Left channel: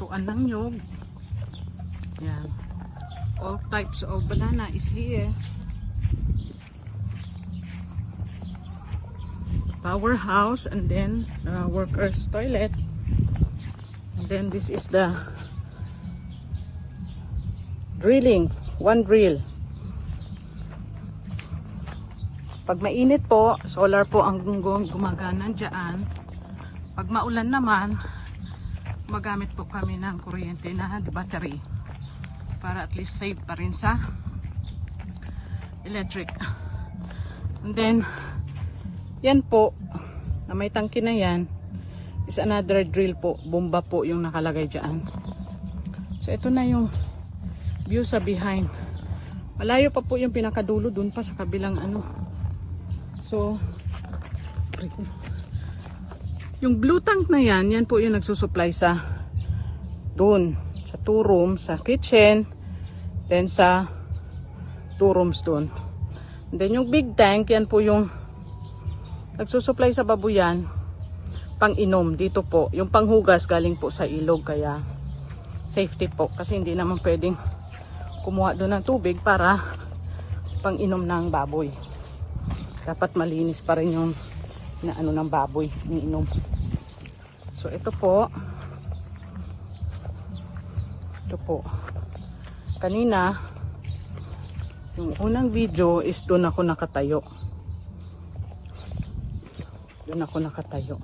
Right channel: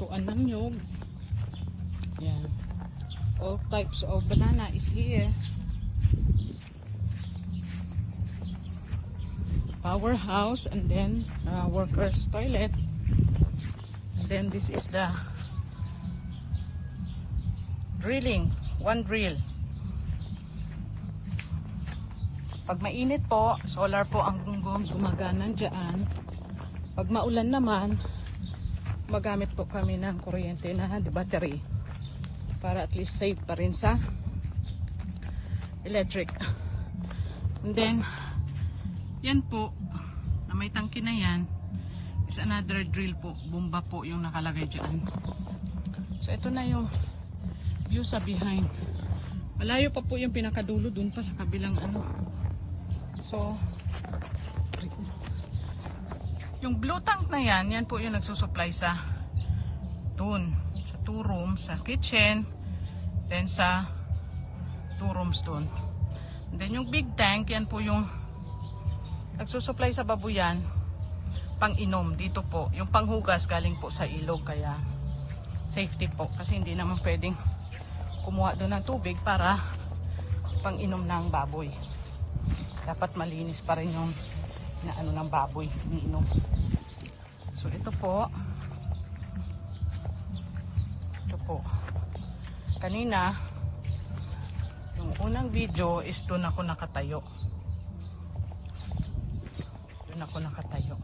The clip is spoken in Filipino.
lutuan ng nyog. Yan. All types of banana is here. Powerhouse, and then workers toilet, and then this is the drilling, one drill. Pag mainit po, solar po ang gumagana dyan. Pag maulan naman, magamit po kami ng kuryente na battery para at least save pa rin sa electric. And then yan po, na may tangke na yan, is another drill po. Bomba po yung nakalagay dyan. So ito na yung view sa behind. Malayo pa po yung pinakadulo dun pa sa kabilang ano. So yung blue tank na yan, yan po yung nagsusupply sa dun, sa 2 rooms, sa kitchen, then sa 2 rooms dun. And then yung big tank, yan po yung nagsusupply sa babuyan, pang inom dito po. Yung panghugas galing po sa ilog, kaya safety po. Kasi hindi naman pwedeng kumuha doon ng tubig para pang inom ng baboy. Dapat malinis pa rin yung ano ng baboy, iniinom. So ito po. Ito po. Kanina, yung unang video is doon ako nakatayo. Doon ako nakatayo.